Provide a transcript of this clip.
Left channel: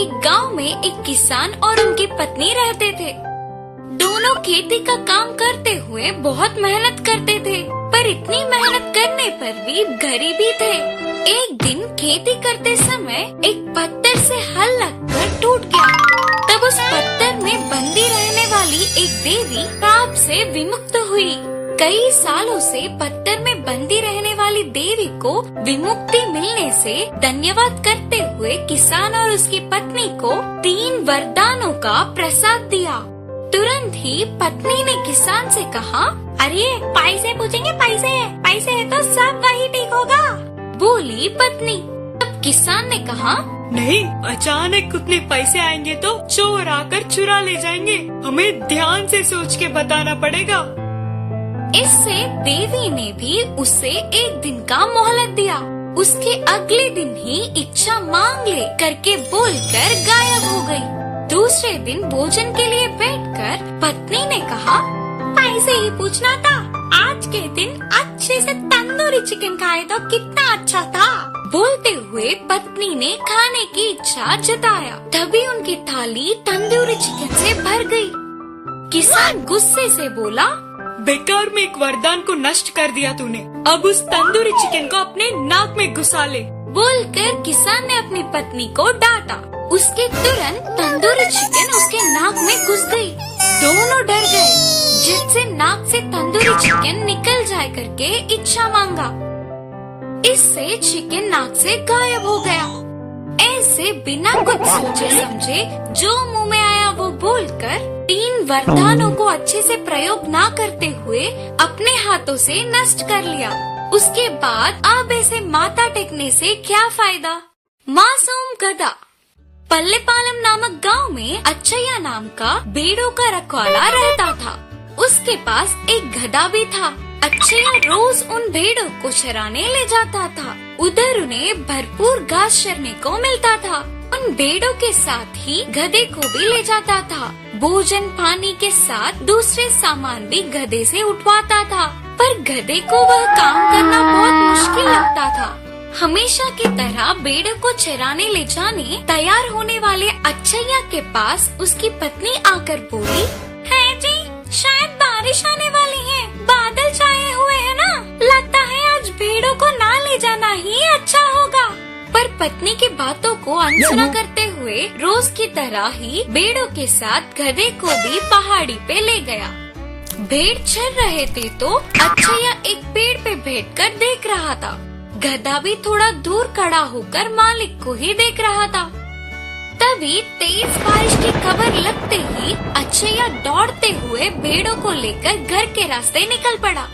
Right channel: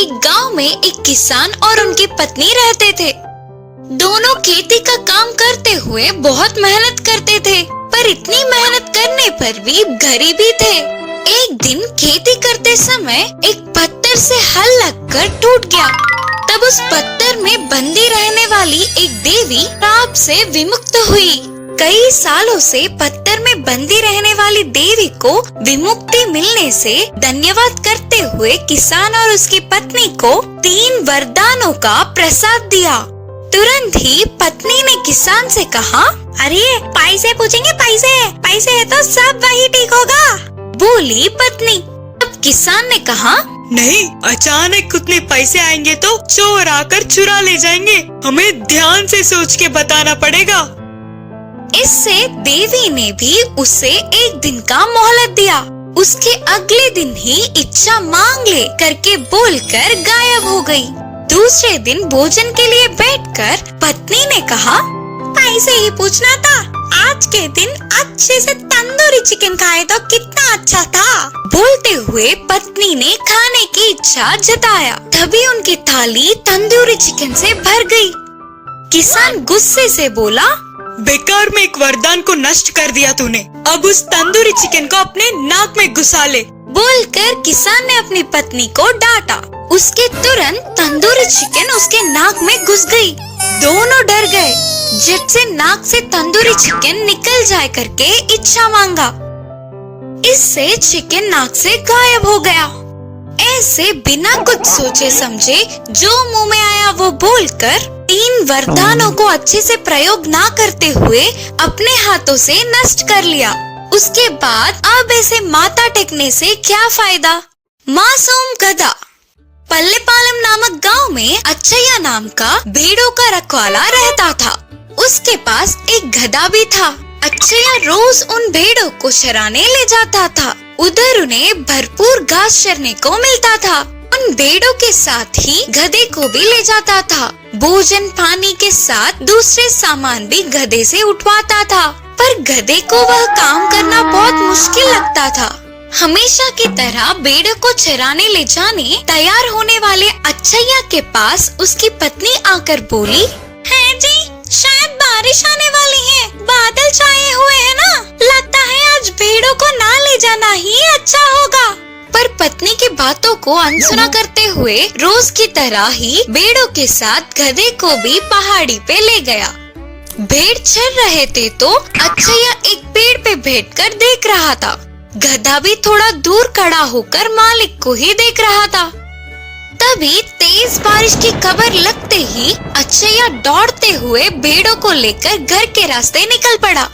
एक गांव में एक किसान और उनकी पत्नी रहते थे। दोनों खेती का काम करते हुए बहुत मेहनत करते थे, पर इतनी मेहनत करने पर भी गरीबी थे। एक दिन खेती करते समय एक पत्थर से हल लगकर टूट गया। तब उस पत्थर में बंदी रहने वाली एक देवी पाप से विमुक्त हुई। कई सालों से पत्थर में बंदी रहने वाली देवी को विमुक्ति मिलने से धन्यवाद करते हुए किसान और उसकी पत्नी को 3 वरदानों का प्रसाद दिया। तुरंत ही पत्नी ने किसान से कहा, अरे पैसे पूछेंगे, पैसे है तो सब वही ठीक होगा, बोली पत्नी। तब किसान ने कहा, नहीं, अचानक उतने पैसे आएंगे तो चोर आकर चुरा ले जाएंगे, हमें ध्यान से सोच के बताना पड़ेगा। इससे देवी ने भी उसे एक दिन का मोहलत दिया। उसके अगले दिन ही इच्छा मांग ले करके बोलकर गायब हो गई। दूसरे दिन भोजन के लिए बैठकर पत्नी ने कहा, पैसे ही पूछना था, आज के दिन अच्छे से तंदूरी चिकन खाए तो कितना अच्छा था। बोलते हुए पत्नी ने खाने की इच्छा जताया। तभी उनकी थाली तंदूरी चिकन से भर गई। किसान गुस्से से बोला, बेकार में एक वरदान को नष्ट कर दिया तूने, अब उस तंदूरी चिकन को अपने नाक में घुसा ले। बोलकर किसान ने अपनी पत्नी को डांटा। उसके तुरंत तंदूरी चिकन उसके नाक में घुस गई। दोनों डर गए। झट से नाक से तंदूरी चिकन निकल जाए करके इच्छा मांगा। इससे चिकन नाक से गायब हो गया। ऐसे बिना कुछ सोचे समझे जो मुंह में आया वो बोलकर 3 वरदानों को अच्छे से प्रयोग ना करते हुए अपने हाथों से नष्ट कर लिया। उसके बाद अब ऐसे माथा टेकने से क्या फायदा। मासूम गधा। पल्लेपालम नामक गांव में अच्छैया नाम का भेड़ों का रखवाला रहता था। उसके पास एक गधा भी था। अच्छैया रोज उन भेड़ों को चराने ले जाता था। उधर उन्हें भरपूर घास चरने को मिलता था। उन भेड़ों के साथ ही गधे को भी ले जाता था। भोजन पानी के साथ दूसरे सामान भी गधे से उठवाता था, पर गधे को वह काम करना बहुत मुश्किल लगता था। हमेशा की तरह भेड़ों को चराने ले जाने तैयार होने वाले अच्छैया के पास उसकी पत्नी आकर बोली, है जी, शायद बारिश आने वाली है, बादल छाए हुए हैं ना, लगता है आज भेड़ों को ना ले जाना ही अच्छा होगा। पर पत्नी की बातों को अनसुना करते हुए रोज की तरह ही भेड़ों के साथ गधे को भी पहाड़ी पे ले गया। भेड़ चर रहे थे तो अच्छैया एक पेड़ पे बैठकर देख रहा था। गधा भी थोड़ा दूर खड़ा होकर मालिक को ही देख रहा था। तभी तेज बारिश की खबर लगते ही अच्छैया दौड़ते हुए भेड़ों को लेकर घर के रास्ते निकल पड़ा।